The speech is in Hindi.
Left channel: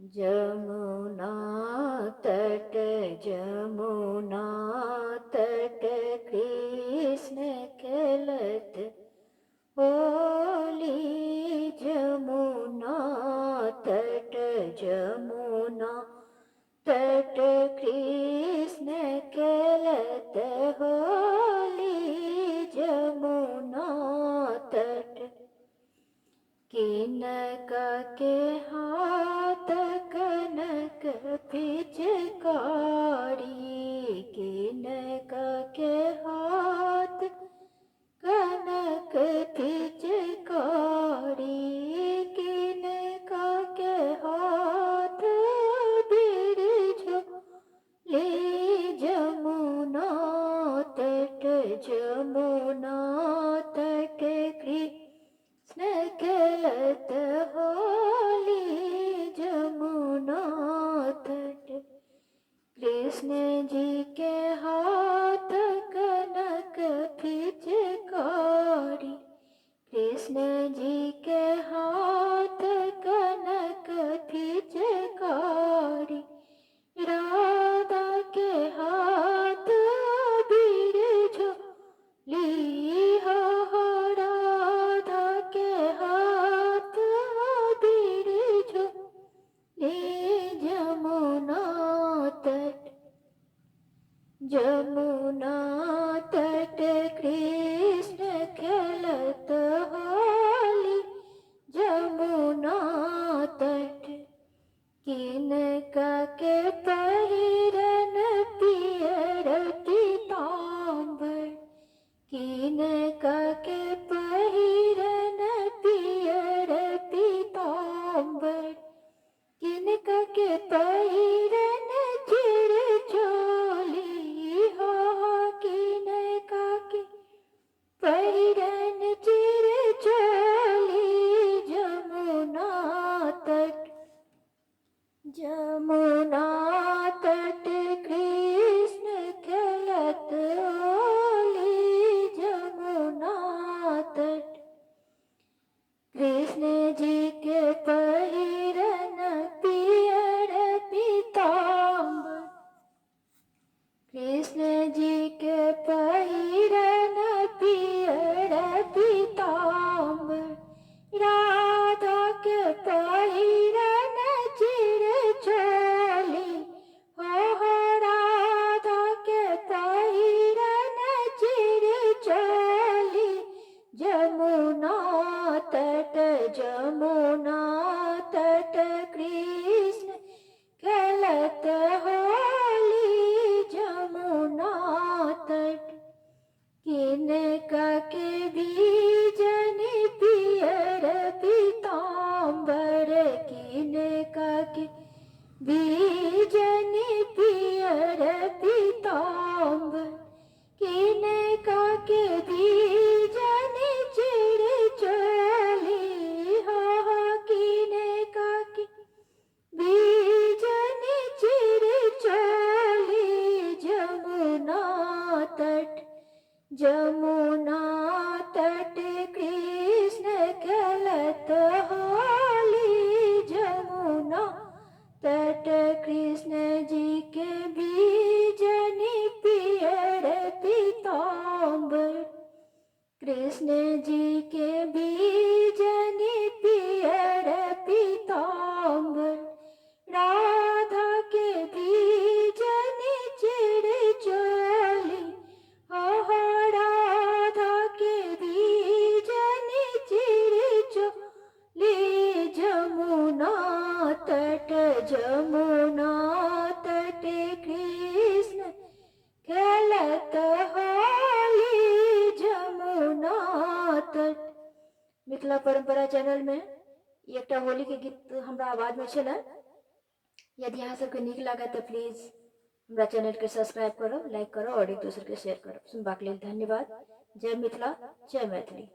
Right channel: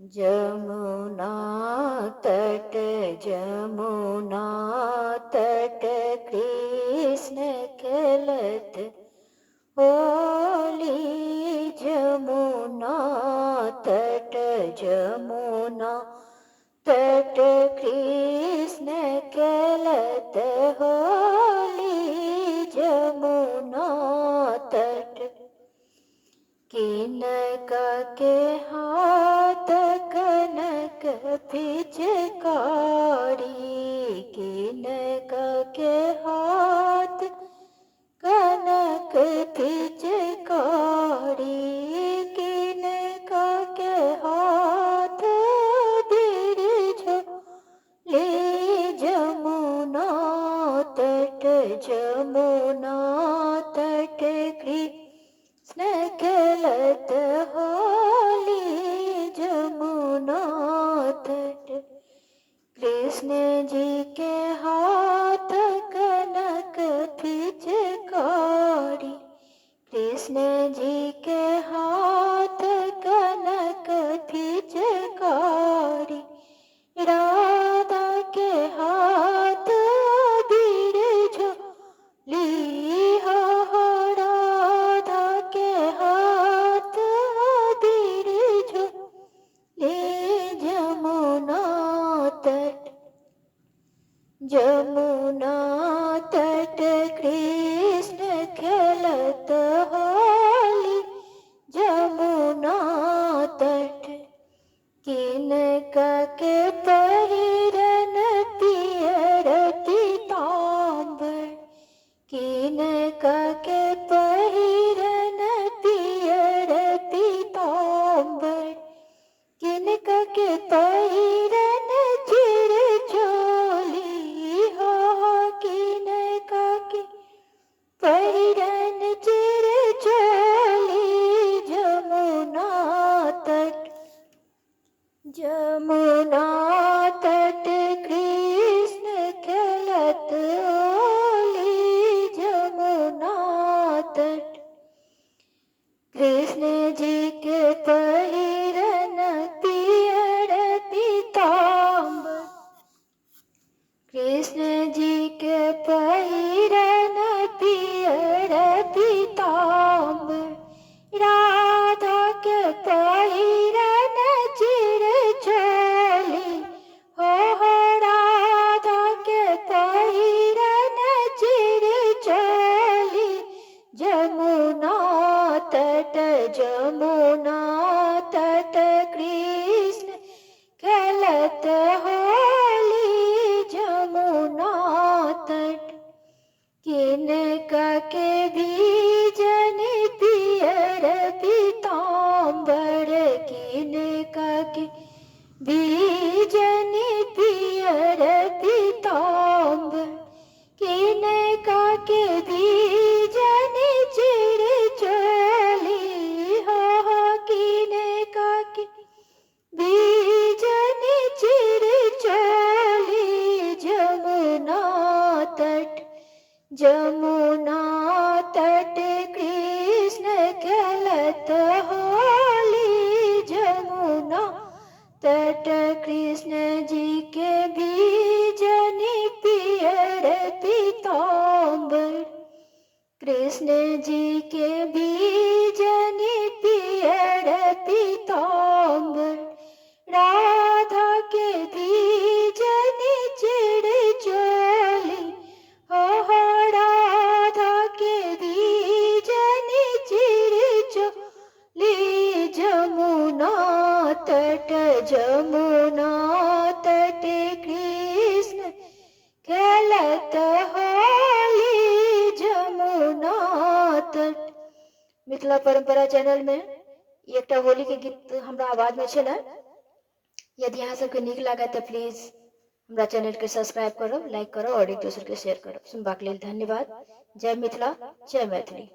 जमुना तट जमुना तट कृष्ण खेलत होली। जमुना तट जमुना तट कृष्ण खेलत होली। जमुना तट किनका के हाथ कनक पिचकारी। किनका के हाथ कनक पिचकारी। किनका के हाथ बिरझोली। जमुना तट जमुना तट कृष्ण खेलत होली। जमुना तट कृष्ण जी के हाथ कनक पिचकारी। कृष्ण जी के हाथ कनक पिचकारी। राधा के हाथ बिरझोली। हो राधा के हाथ बिरझोली। जमुना तट जमुना तट कृष्ण खेलत होली। जमुना तट किनका के पहिरन पियर पीतांबर। किनका के पहिरन पियर पीतांबर। किनका के पहिरन चिर चोली। हो किनका के पहिरन चिर चोली। जमुना तट जमुना तट कृष्ण खेलत होली। जमुना तट कृष्ण जी के पहिरन पियर पीतांबर। कृष्ण जी के पहिरन पियर पीतांबर। राधा के पहिरन चिर चोली। हो राधा के पहिरन चिर चोली। जमुना तट जमुना तट कृष्ण खेलत होली। जमुना तट किनका के बीजन पियर पीतांबर। किनका के बीजन पियर पीतांबर। किनका के बीजन चिर चोली। हो किनका के बीजन चिर चोली। जमुना तट जमुना तट कृष्ण खेलत होली। जमुना तट कृष्ण जी के बीजन पियर पीतांबर। कृष्ण जी के बीजन पियर पीतांबर। राधा के बीजन चिर चोली। हो राधा के बीजन चिर चोली। जमुना तट जमुना तट कृष्ण खेलत होली। जमुना तट मिथिला परंपरा चैनल में एकटा होली के गीत हमरा आवाज में छलै। यदि अहाँ सबके नीक लागत तऽ प्लीज हमरा चैनल के सब्सक्राइब करब, लाइक करब और एक दोसर के शेयर करब। सुनबाक लेल धन्यवाद। जय मिथिला जय मैथिली।